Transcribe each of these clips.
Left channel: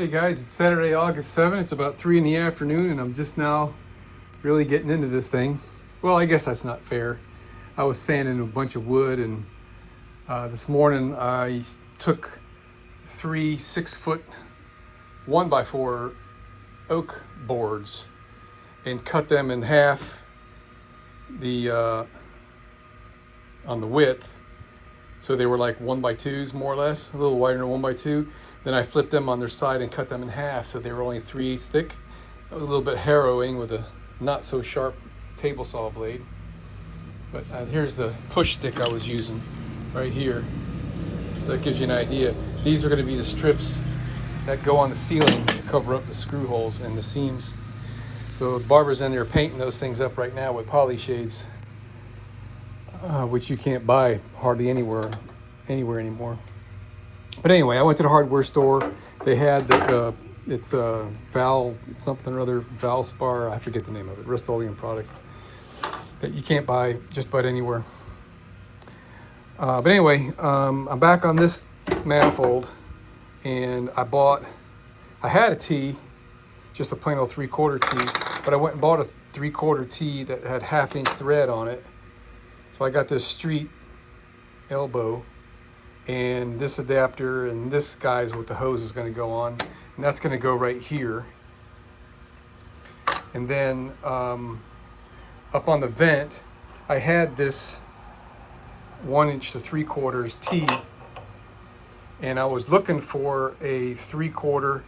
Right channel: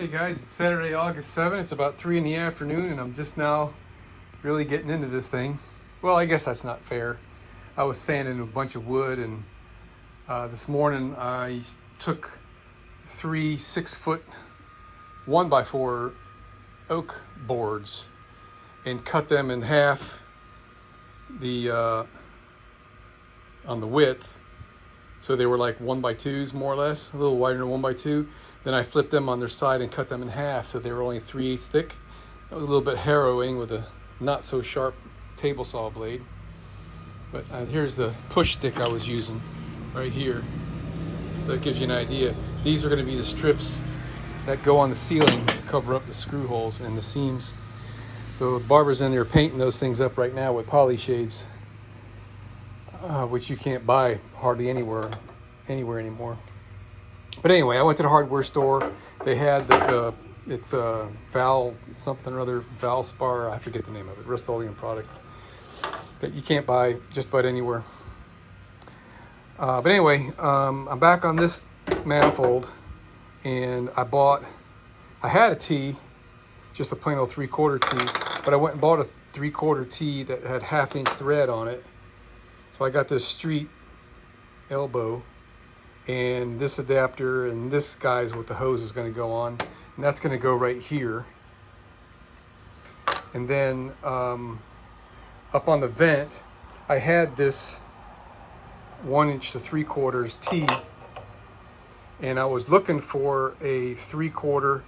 Hey guys, it's Saturday, August 7th. It's about 3 in the afternoon and I'm just now really getting into this thing. Well, I guess that's not fair. I was sanding a bunch of wood and this morning I took 3 6-foot 1x4 oak boards and cut them in half on the width. So they were like 1x2s more or less, a little wider than 1x2. Then I flipped them on their side and cut them in half, so they were only 3/8 thick. That was a little bit harrowing with a not so sharp table saw blade. But here's the push stick I was using right here. So that gives you an idea. These are going to be the strips that go on the ceiling to cover up the screw holes and the seams. So the barber's in there painting those things up right now with poly shades, which you can't buy hardly anywhere anymore. But anyway, I went to the hardware store. They had it's Val something or other, Valspar, I forget the name of it, Rust-Oleum product that you can't buy just about anywhere. But anyway, I'm back on this manifold, and I had a T, just a plain old 3/4 T, but I went and bought a 3/4 T that had 1/2 inch thread on it. So I got this street elbow and this adapter, and this guy's what the hose is going to go on, and that's going to go right here. And then up on the vent I had this 1 inch to 3/4 T, and I was looking for a 3/4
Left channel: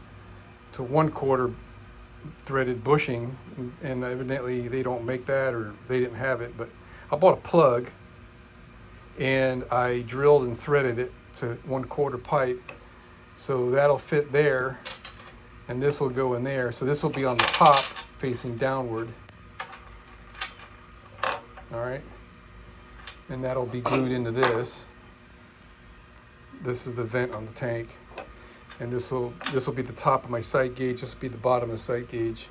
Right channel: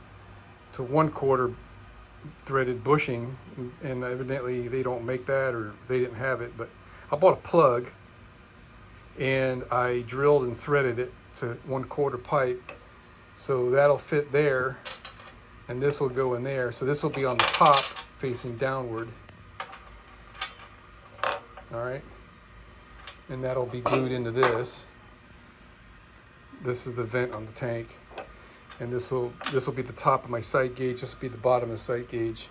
to 1/4 threaded bushing, and evidently they don't make that, or they didn't have it. But I bought a plug and I drilled and threaded it to 1/4 pipe, so that'll fit there, and this will go in there. So this will be on the top facing downward. All right, and that'll be glued into this. This is the vent on the tank, and this will be the top of my sight gauge. This will be the bottom of the sight gauge,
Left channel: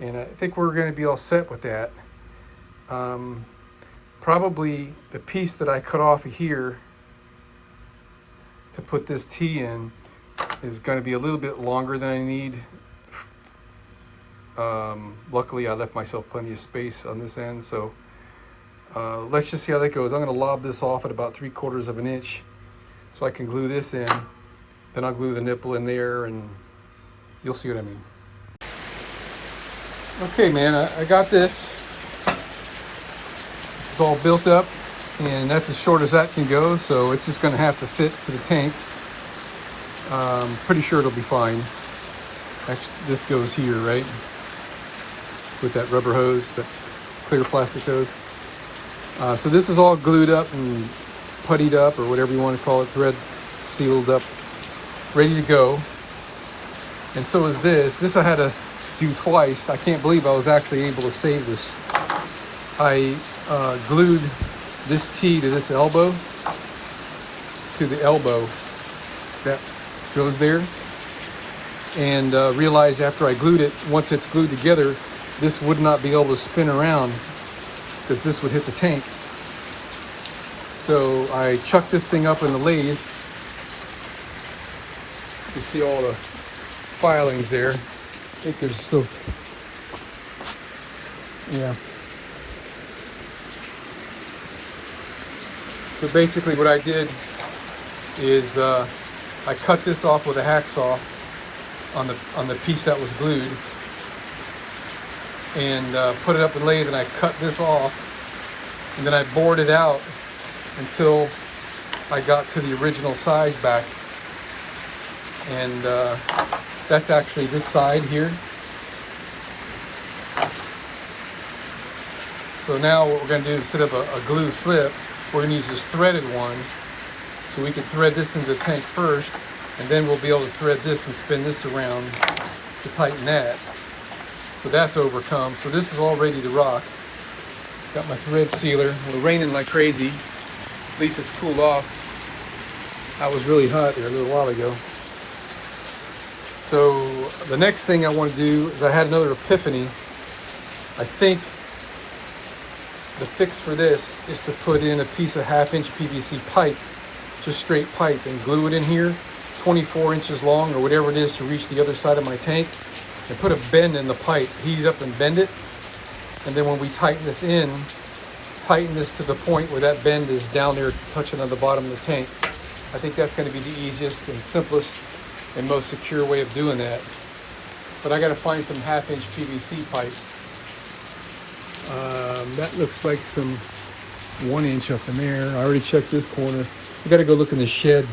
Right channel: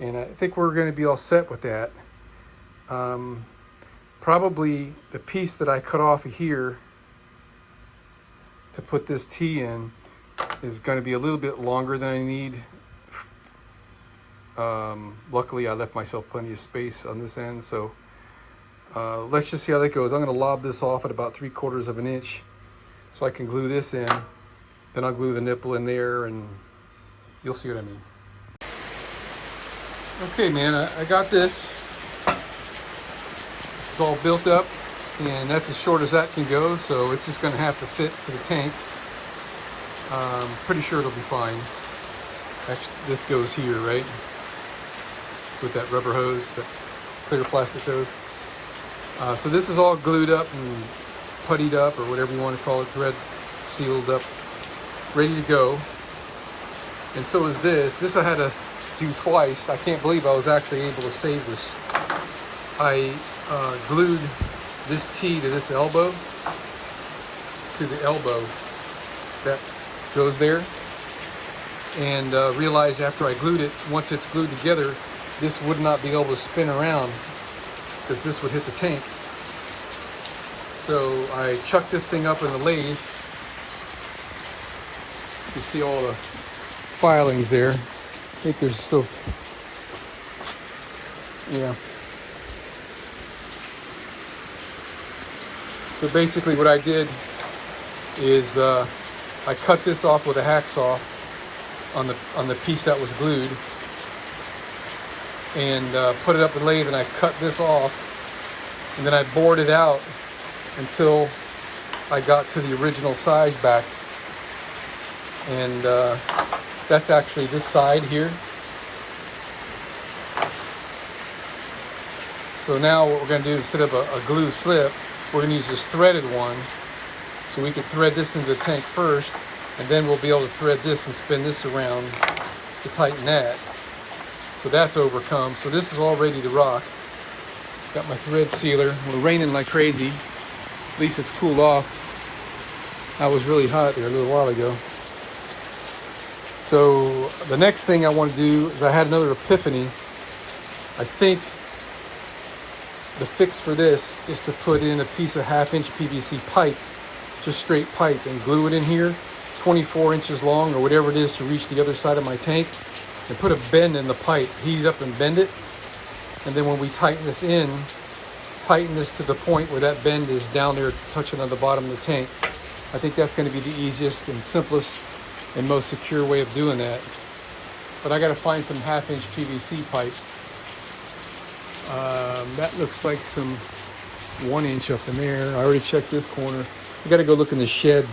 and I think we're going to be all set with that. Probably the piece that I cut off of here to put this T in is going to be a little bit longer than I need. Luckily, I left myself plenty of space on this end, so let's just see how that goes. I'm going to lob this off at about 3/4 of an inch so I can glue this in. Then I'll glue the nipple in there, and you'll see what I mean. Okay, man, I got this. It's all built up, and that's as short as that can go, so it's just going to have to fit to the tank. Pretty sure it'll be fine. This goes here, right? With that rubber hose, that clear plastic hose. So this is all glued up and puttied up, or whatever you want to call it, thread sealed up, ready to go. And so is this. This I had to do twice. I can't believe I was actually able to save this. I glued this T to this elbow, to the elbow that goes there, and realized after I glued it, once it's glued together, this would not be able to spin around because this would hit the tank. So I chucked this thing up in the lathe. You can see all the filings there. I think there's still, yeah. So basically what I did is I cut this off with a hacksaw on the piece that was glued, and put it up in the lathe, and I cut this off, and then I bored it out until I got to the original size back. And that's actually this side here. So now what we're going to do, instead of a glue slip, we're going to use this threaded one, so we can thread this into the tank first, and then we'll be able to thread this and spin this around to tighten that. So that's overcome. So this is all ready to rock. Got my thread sealer. It's raining like crazy. At least it's cooled off. I was really hot there a little while ago. So the next thing I want to do is, I had another epiphany. I think the fix for this is to put in a piece of 1/2 inch PVC pipe, just straight pipe, and glue it in here 24 inches long or whatever it is to reach the other side of my tank, and put a bend in the pipe, heat up and bend it. And then when we tighten this in, tighten this to the point where that bend is down there touching on the bottom of the tank. I think that's going to be the easiest and simplest and most secure way of doing that. But I got to find some 1/2-inch PVC pipe. That looks like some 1-inch up in there. I already checked this corner. I got to go look in the shed,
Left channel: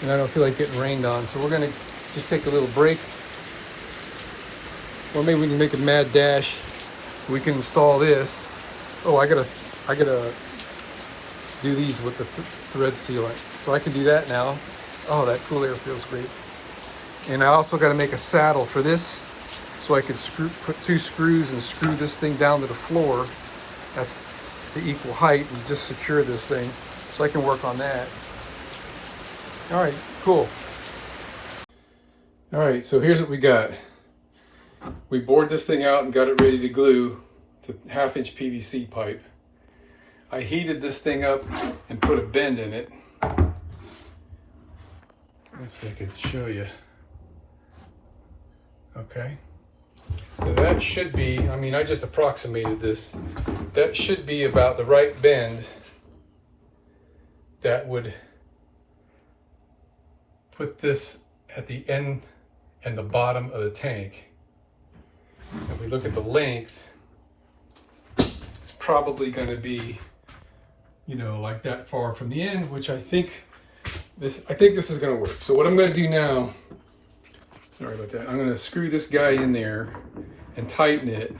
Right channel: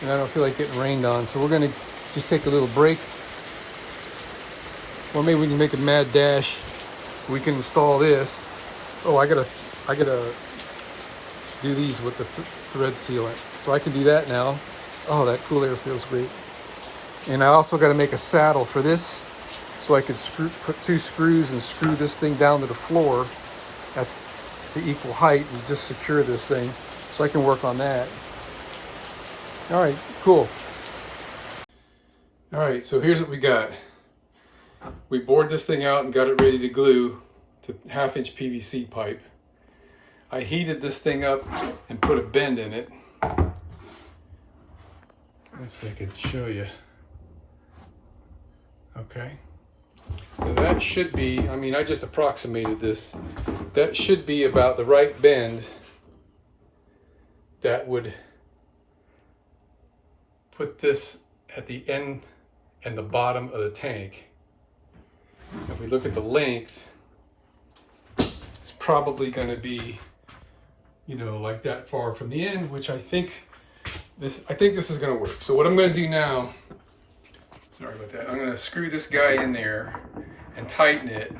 and I don't feel like getting rained on. So we're going to just take a little break. Or maybe we can make a mad dash. We can install this. Oh, I gotta do these with the thread sealant. So I can do that now. Oh, that cool air feels great. And I also got to make a saddle for this, so I could put 2 screws and screw this thing down to the floor at the equal height and just secure this thing. So I can work on that. All right, cool. All right, so here's what we got. We bored this thing out and got it ready to glue to 1/2-inch PVC pipe. I heated this thing up and put a bend in it. Let's see if I can show you. Okay. So that should be, I mean, I just approximated this. That should be about the right bend that would put this at the end and the bottom of the tank. If we look at the length, it's probably going to be, you know, like that far from the end, which I think this is going to work. So what I'm going to do now, sorry about that, I'm going to screw this guy in there and tighten it.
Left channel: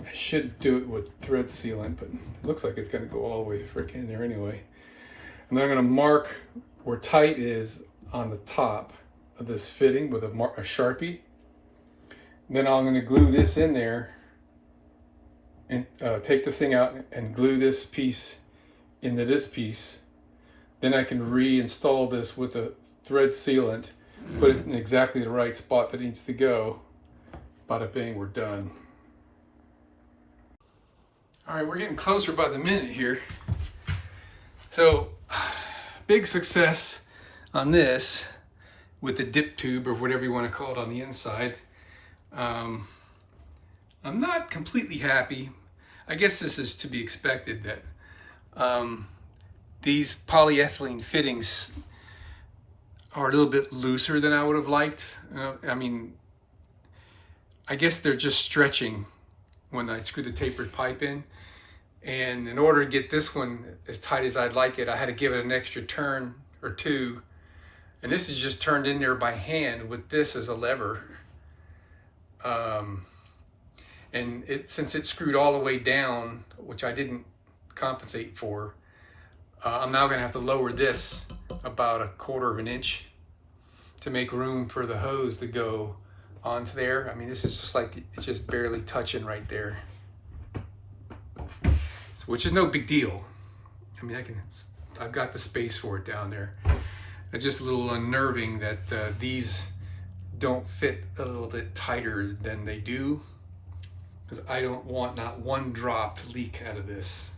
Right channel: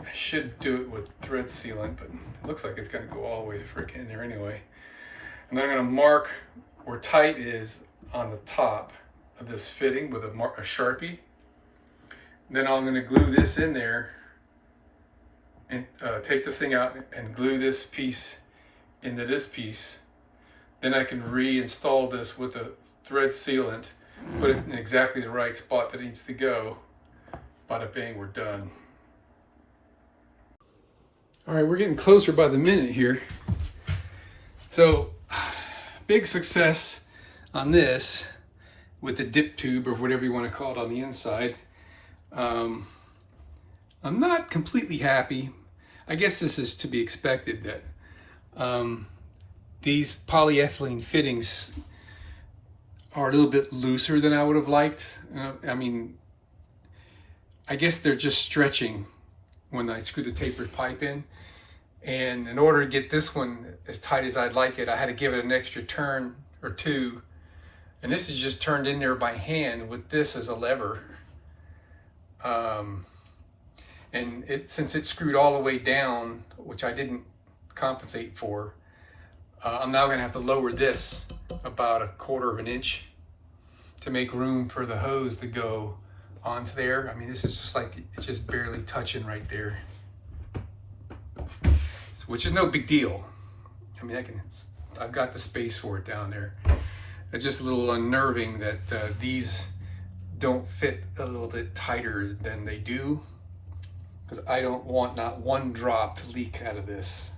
I should do it with thread sealant, but it looks like it's going to go all the way frickin' in there anyway. And then I'm going to mark where tight is on the top of this fitting with a Sharpie. Then I'm going to glue this in there and take this thing out and glue this piece into this piece. Then I can reinstall this with a thread sealant, put it in exactly the right spot that it needs to go. Bada bing, we're done. All right, we're getting closer by the minute here. So, big success on this with the dip tube or whatever you want to call it on the inside. I'm not completely happy. I guess this is to be expected that these polyethylene fittings are a little bit looser than I would have liked. I mean, I guess they're just stretching when I screw the tapered pipe in. And in order to get this one as tight as I'd like it, I had to give it an extra turn or two. And this is just turned in there by hand with this as a lever. And since it's screwed all the way down, which I didn't compensate for, I'm now gonna have to lower this about 1/4 inch to make room for the hose to go onto there. I mean, this is just like, it's just barely touching right there. Which is no big deal. I mean, I've got the space for it down there. It's just a little unnerving that these don't fit a little bit tighter than they do, because I don't want not one drop to leak out of this.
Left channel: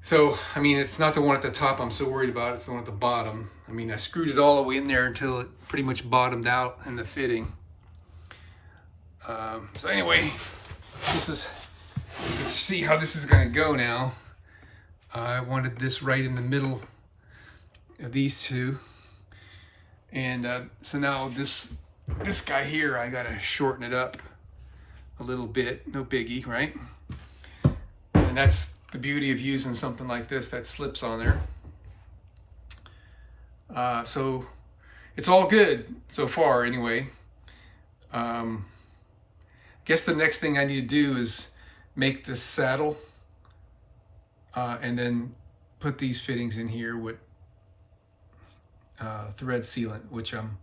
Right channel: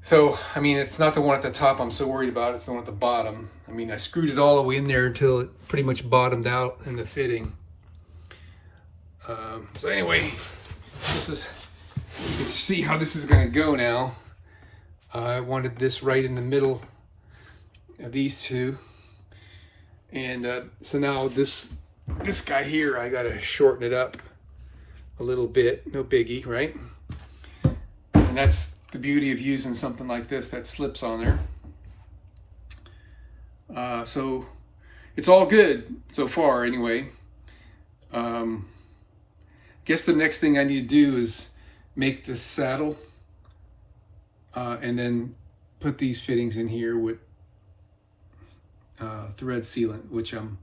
So, I mean, it's not the one at the top I'm so worried about, it's the one at the bottom. I mean, I screwed it all the way in there until it pretty much bottomed out in the fitting. So anyway, let's see how this is gonna go now. I wanted this right in the middle of these two. And so now this guy here, I gotta shorten it up a little bit, no biggie, right? And that's the beauty of using something like this that slips on there. So it's all good so far anyway. Guess the next thing I need to do is make this saddle and then put these fittings in here with thread sealant, which I'm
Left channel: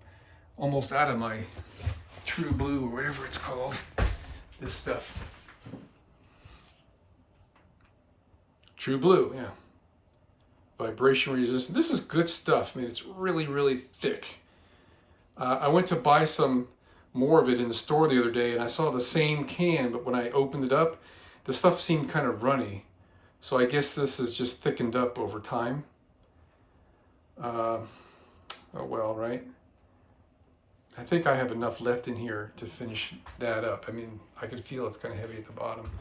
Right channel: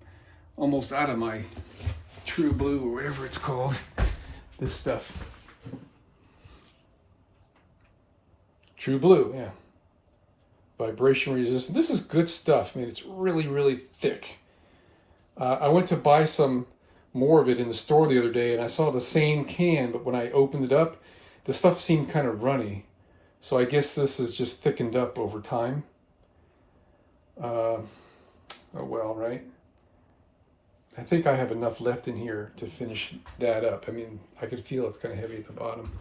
almost out of my True Blue or whatever it's called, this stuff. True Blue, yeah. Vibration resistant. This is good stuff. I mean, it's really, really thick. I went to buy some more of it in the store the other day, and I saw the same can, but when I opened it up, the stuff seemed kind of runny. So I guess this is just thickened up over time. Oh well, right? I think I have enough left in here to finish that up. I mean, I can feel it's kind of heavy at the bottom.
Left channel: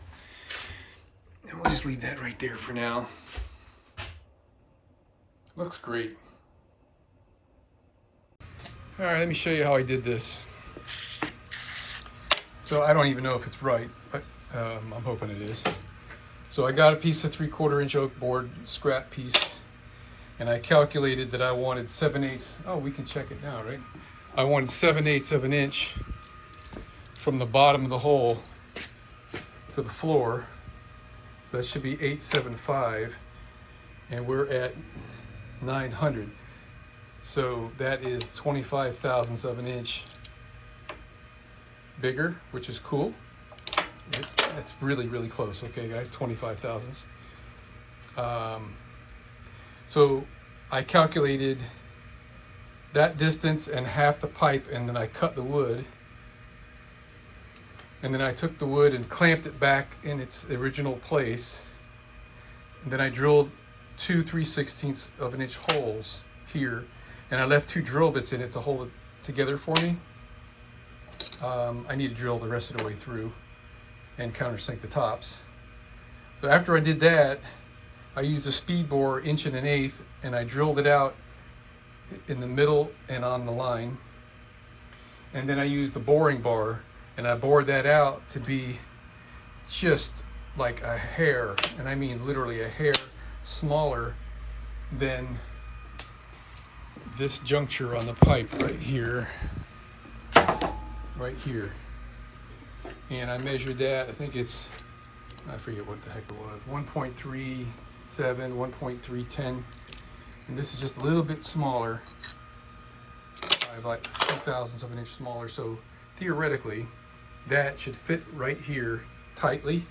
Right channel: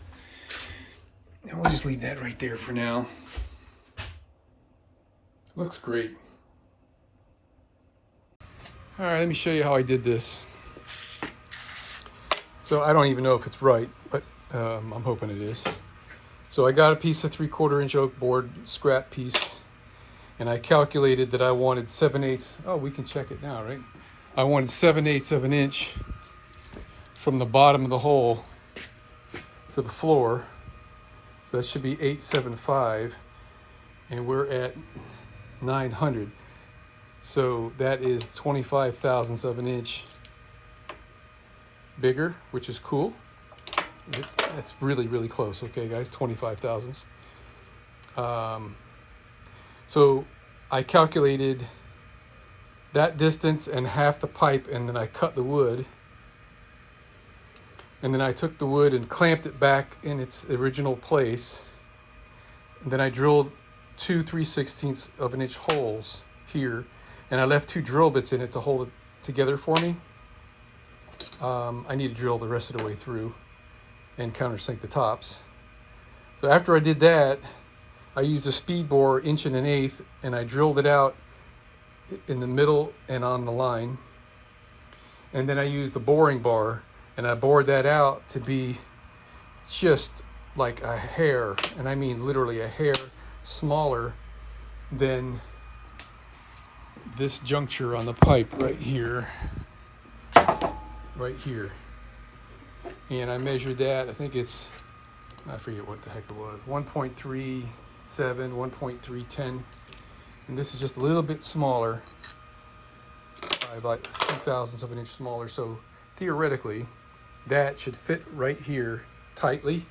And we'll just leave that right there for now. Looks great. All right, let me show you how I did this. So I don't even know if it's right, but I'm hoping it is. So I got a piece of 3/4 inch oak board, scrap piece, and I calculated that I wanted 7/8. Oh, we can check it now, right? I wanted 7/8 of an inch from the bottom of the hole to the floor. So that should be 875, and we're at 900. So that is 25 thousandths of an inch bigger, which is cool. That's really, really close. Okay, guys, 25 thousandths. So I calculated that distance and half the pipe, and then I cut the wood. And then I took the wood and clamped it back in its original place. And then I drilled 2 3/16 of an inch holes here, and I left 2 drill bits in it to hold it together for me. I need to drill the rest of the way through and countersink the tops. So after I did that, I used a speed bore 1 1/8 and I drilled it out in the middle and on the line. And then I used the boring bar and I bored that out to be just like a hair, and I mean literally a hair smaller than this juncture on the pipe right here. Right here. And I measured that, I think it's, I forget what the heck it was, 1.37, 1.310. And this is just a little bit smaller, by about 2 thousandths of an inch smaller. So theoretically, that should fit right here tightly.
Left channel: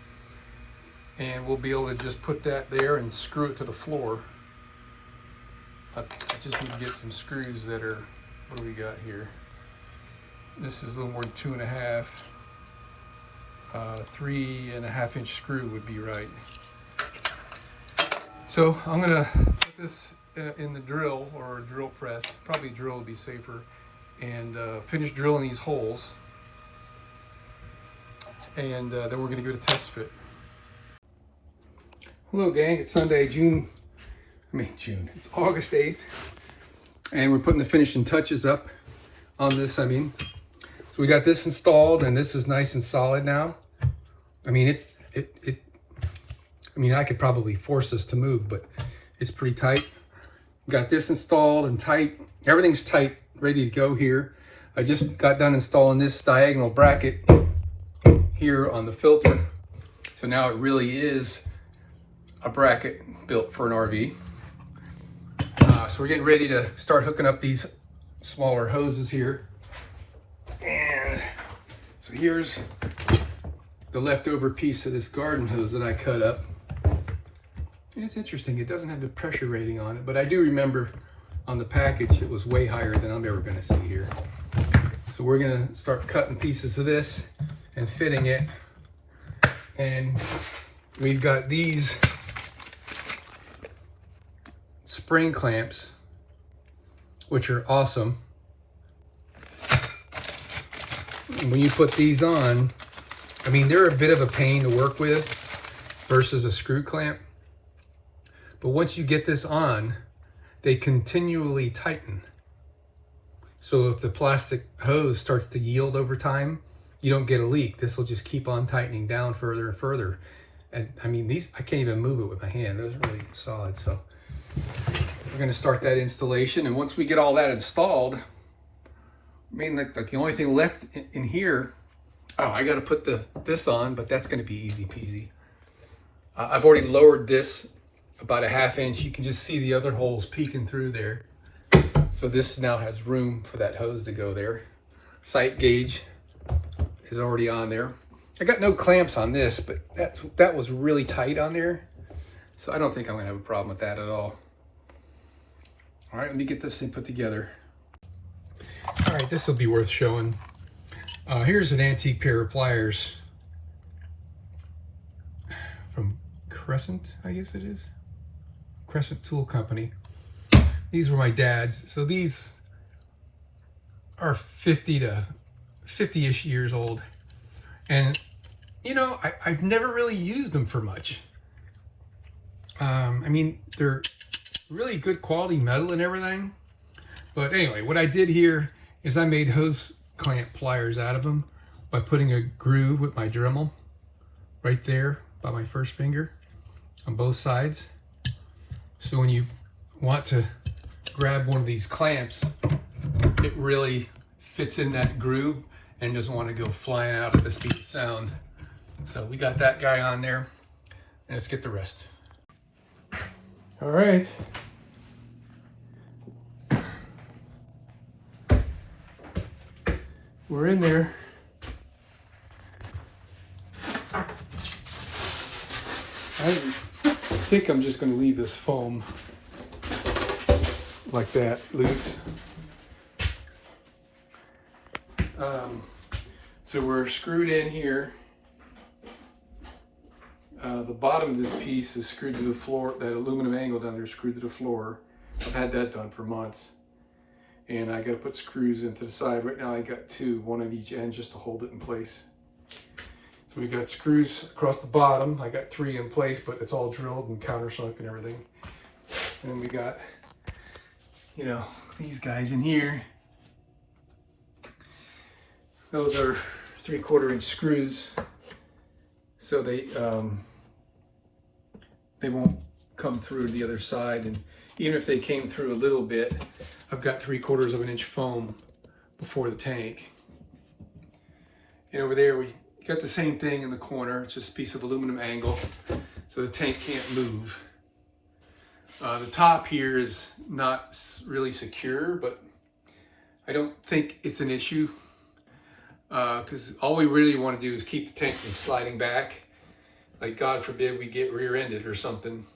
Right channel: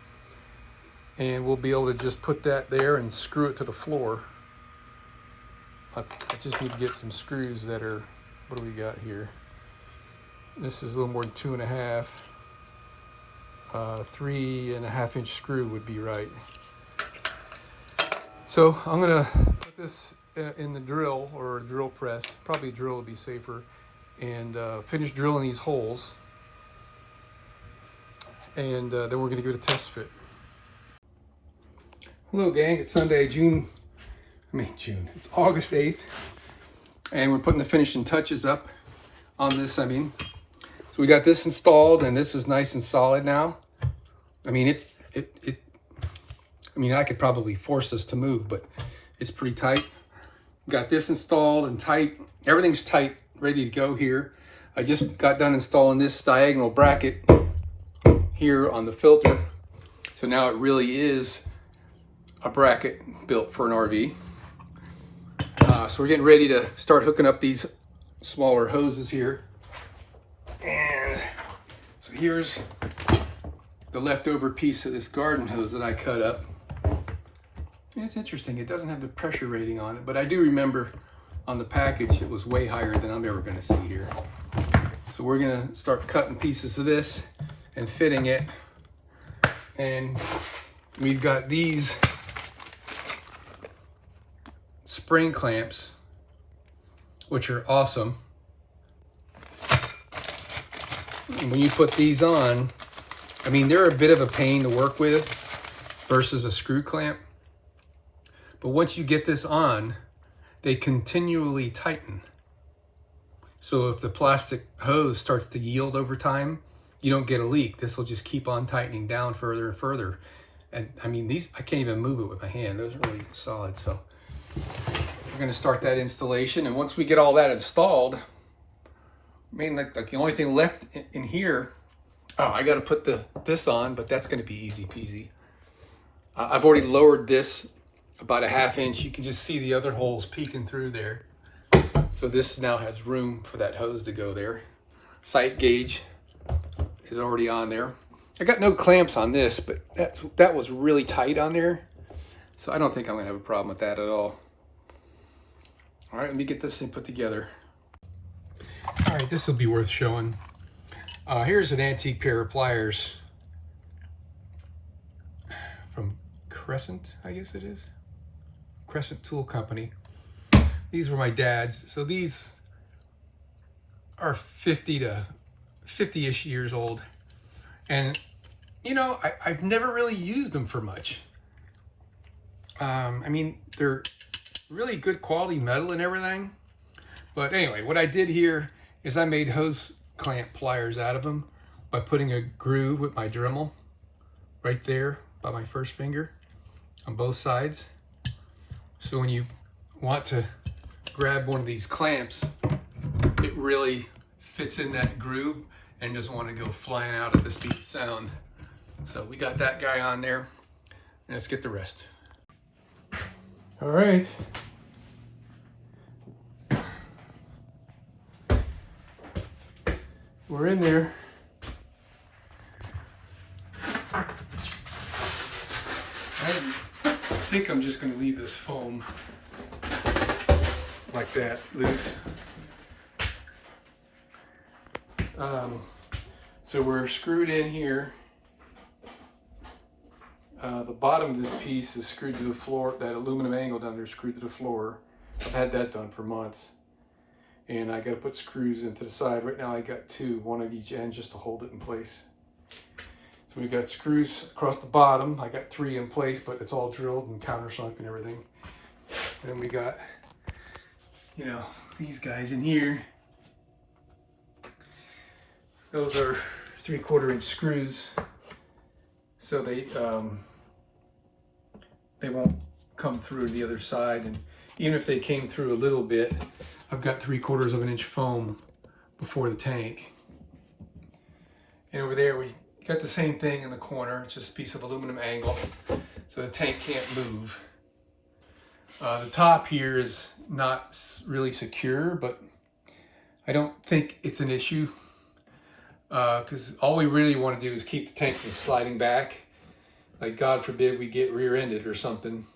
And we'll be able to just put that there and screw it to the floor. I just need to get some screws that are, what do we got here? This is a little more than 2.5. 3.5 inch screw would be right. So I'm gonna put this in the drill or drill press. Probably drill would be safer, and finish drilling these holes. And then we're gonna give it a test fit. Hello, gang. It's Sunday, it's August 8th, and we're putting the finishing touches up on this. So we got this installed, and this is nice and solid now. I mean, I could probably force this to move, but it's pretty tight. Got this installed and tight. Everything's tight, ready to go here. I just got done installing this diagonal bracket here on the filter. So now it really is a bracket built for an RV. So we're getting ready to start hooking up these smaller hoses here. And so here's the leftover piece of this garden hose that I cut up. And it's interesting, it doesn't have the pressure rating on it, but I do remember on the package it was way higher than I'm ever gonna see here. So we're gonna start cutting pieces of this and fitting it. And we've got these spring clamps, which are awesome. When you put these on, I mean, they're a bit of a pain to work with versus a screw clamp. But once you get this on, they continually tighten. So if the plastic hose starts to yield over time, you don't get a leak. This will just keep on tightening down further and further. And I mean, these, I can't even move it with my hand. Those are really solid. So we're gonna start that installation. And once we get all that installed, I mean, like the only thing left in here, oh, I gotta put this on, but that's gonna be easy peasy. I've already lowered this about 1/2 inch. You can just see the other holes peeking through there. So this now has room for that hose to go there. Sight gauge is already on there. I got no clamps on this, but that was really tight on there. So I don't think I'm gonna have a problem with that at all. All right, let me get this thing put together. All right, this will be worth showing. Here's an antique pair of pliers from Crescent, I guess it is. Crescent Tool Company. These were my dad's. So these are 50 to 50-ish years old. And, you know, I've never really used them for much. I mean, they're really good quality metal and everything. But anyway, what I did here is I made hose clamp pliers out of them by putting a groove with my Dremel right there by my first finger on both sides. So when you want to grab one of these clamps, it really fits in that groove and doesn't want to go flying out at the speed of sound. So we got that guy on there, and let's get the rest. All right. We're in there. I think I'm just going to leave this foam like that, loose. So we're screwed in here. The bottom of this piece is screwed to the floor. That aluminum angle down there is screwed to the floor. I've had that done for months. And I got to put screws into the side. Right now I got two, one at each end just to hold it in place. So we got screws across the bottom. I got 3 in place, but it's all drilled and countersunk and everything. And then we got, you know, these guys in here. Those are 3/4 inch screws, so they won't come through the other side. And even if they came through a little bit, I've got 3/4 inch foam before the tank. And over there we got the same thing in the corner. It's just a piece of aluminum angle, so the tank can't move. The top here is not really secure, but I don't think it's an issue. Because all we really want to do is keep the tank from sliding back. Like, God forbid we get rear-ended or something.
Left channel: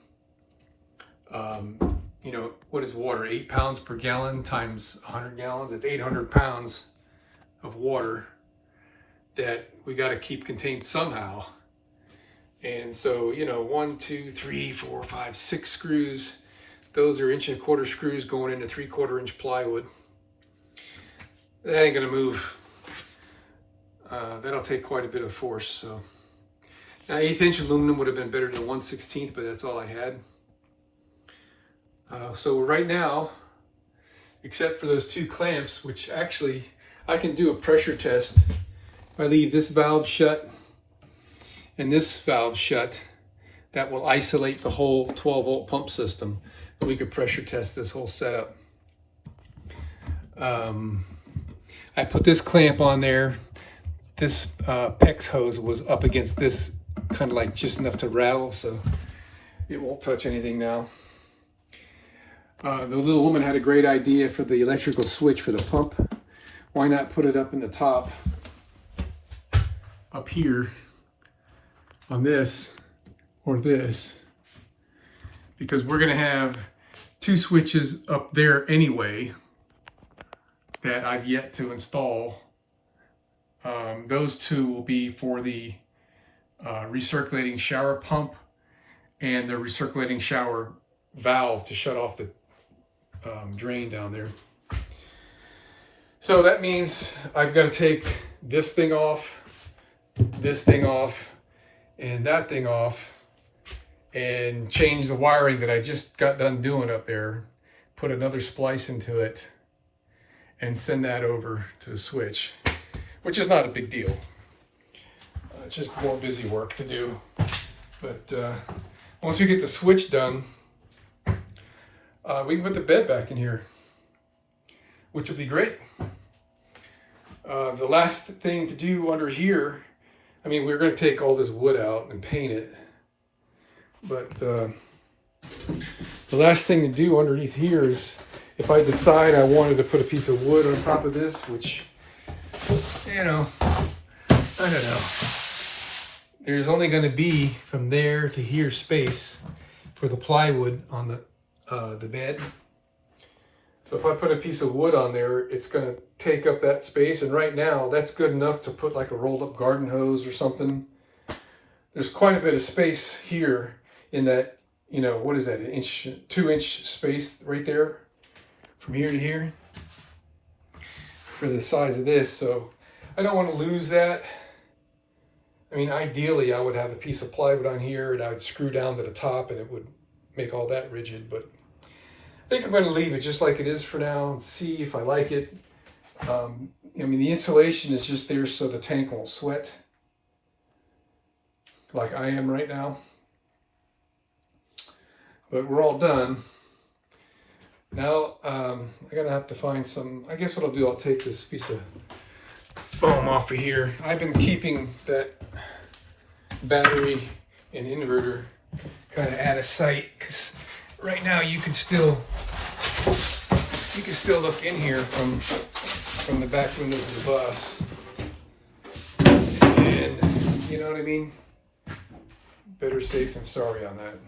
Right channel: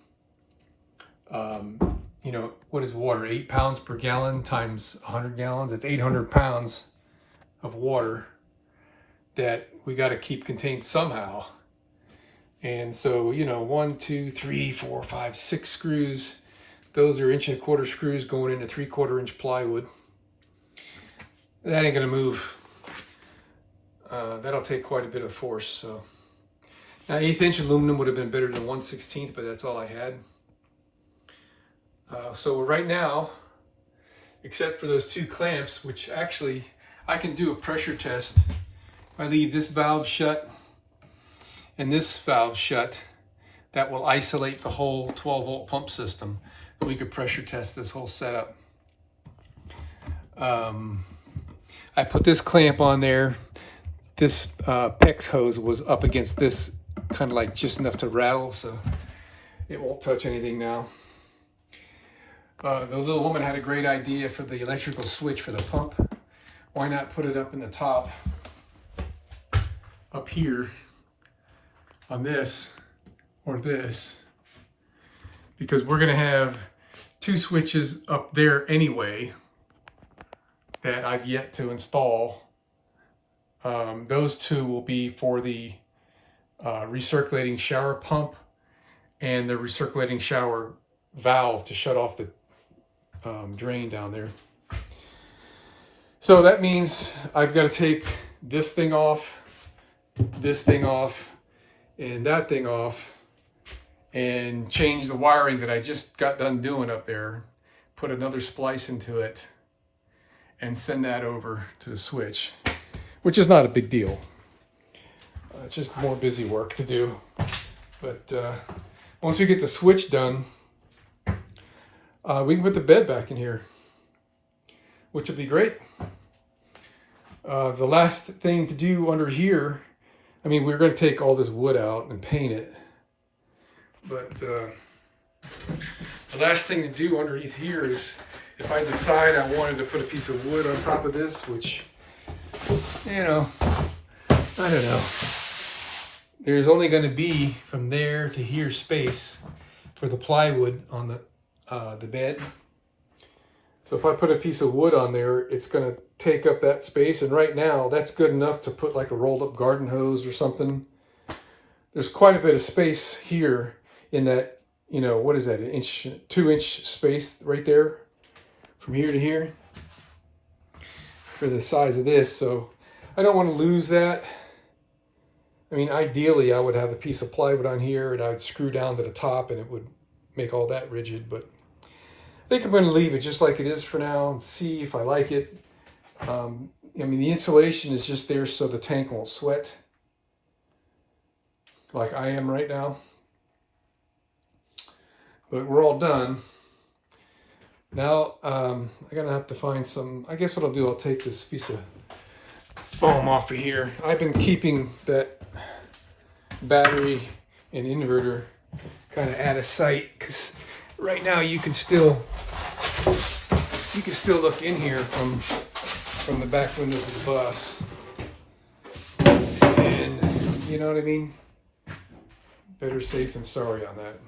You know, what is water? 8 pounds per gallon times 100 gallons. It's 800 pounds of water that we got to keep contained somehow. And so, you know, 1, 2, 3, 4, 5, 6 screws. Those are 1 1/4 screws going into 3/4 inch plywood. That ain't gonna move. That'll take quite a bit of force. So now 1/8 inch aluminum would have been better than 1/16, but that's all I had. So right now, except for those 2 clamps, which actually I can do a pressure test. I leave this valve shut and this valve shut. That will isolate the whole 12-volt pump system. We could pressure test this whole setup. I put this clamp on there. This PEX hose was up against this, kind of like just enough to rattle, so it won't touch anything now. The little woman had a great idea for the electrical switch for the pump. Why not put it up in the top, up here, on this or this? Because we're gonna have 2 switches up there anyway that I've yet to install. Those 2 will be for the recirculating shower pump and the recirculating shower valve to shut off the drain down there. So that means I've got to take this thing off, and that thing off, and change the wiring that I just got done doing up there, put another splice into it, and send that over to the switch, which is not a big deal. Just more busy work to do. But once we get the switch done, we can put the bed back in here, which would be great. The last thing to do under here, I mean, we're going to take all this wood out and paint it, but the last thing to do underneath here is, if I decide I wanted to put a piece of wood on top of this, which, you know, I don't know. There's only going to be from there to here space for the plywood on the bed. So if I put a piece of wood on there, it's going to take up that space. And right now, that's good enough to put like a rolled up garden hose or something. There's quite a bit of space here. in that, you know, what is that, an inch, 2-inch space right there from here to here for the size of this. So I don't want to lose that. I mean, ideally I would have a piece of plywood on here and I would screw down to the top and it would make all that rigid, but I think I'm going to leave it just like it is for now and see if I like it. I mean, the insulation is just there so the tank won't sweat like I am right now. But we're all done. Now, I'm going to have to find some, I guess what I'll do, I'll take this piece of foam off of here. I've been keeping that battery and inverter kind of out of sight because right now you can still look in here from the back windows of the bus, and you know what I mean. Better safe than sorry on that.